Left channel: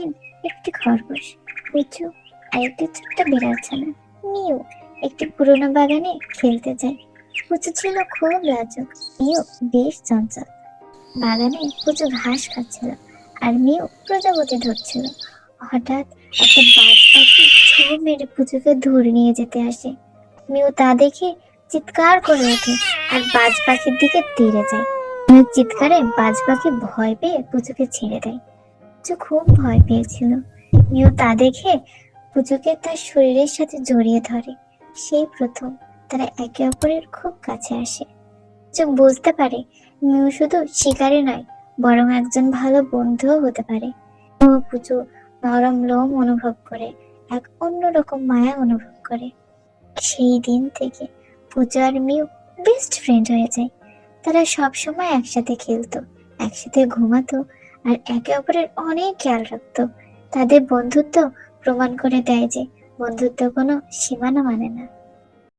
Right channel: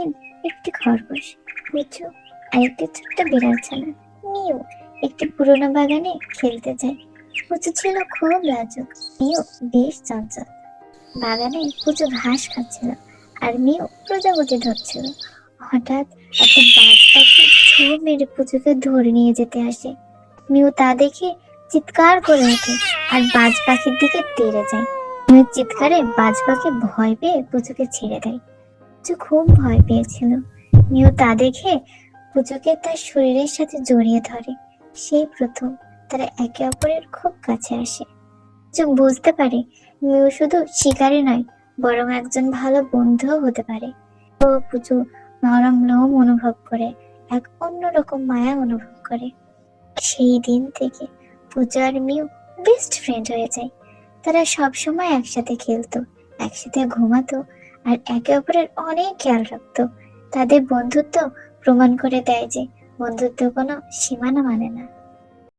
রঙিন একটি খরগোশ, পুচু আর একটি ছোট্ট বিড়াল ছানা মিউ একটি পুরোনো বাগানে খেলতে যায়। পুচু ছিল খুব লাজুক, মিউ বেশ চঞ্চল। বাগানে পুচু ঘাস খাচ্ছিল আর মিউ প্রজাপতি ধরছিল। হঠাৎ একটা বাজ পাখি ঝোঁ মেরে পুচুকে ধরে নিয়ে যেতে আসে। মিউ তা দেখে চিৎকার করে ওঠে আর বাজ পাখির দিকে তেড়ে যায়। মিউ চিৎকারে বাজ পাখি ভয় পেয়ে পুচুকে ছেড়ে দেয়। পুচু খুব ভয় পেয়েছিল। মিউ তা দেখে পুচুকে তার শরীরের সাথে জড়িয়ে ধরে। সেই প্রথম তারা একে অপরের খুব কাছে আসে। পুচু বুঝতে পারে মিউ শুধু শিকারী নয়, বরং একজন ভালো বন্ধুও হতে পারে। পুচু নরম লোম অনুভব করে, এক অন্যরকম মায়া অনুভব করে। সেই দিন থেকে পূজা আর মিউ বেস্ট ফ্রেন্ড হয়ে যায়। তারা সব সময় একসাথে খেলতো, একসাথে ঘুমাতো আর একে অপরের অনেক খেয়াল রাখতো। তাদের বন্ধুত্ব প্রমাণ করে দেয় যে বন্ধুত্ব কোনো সীমানা মানে না।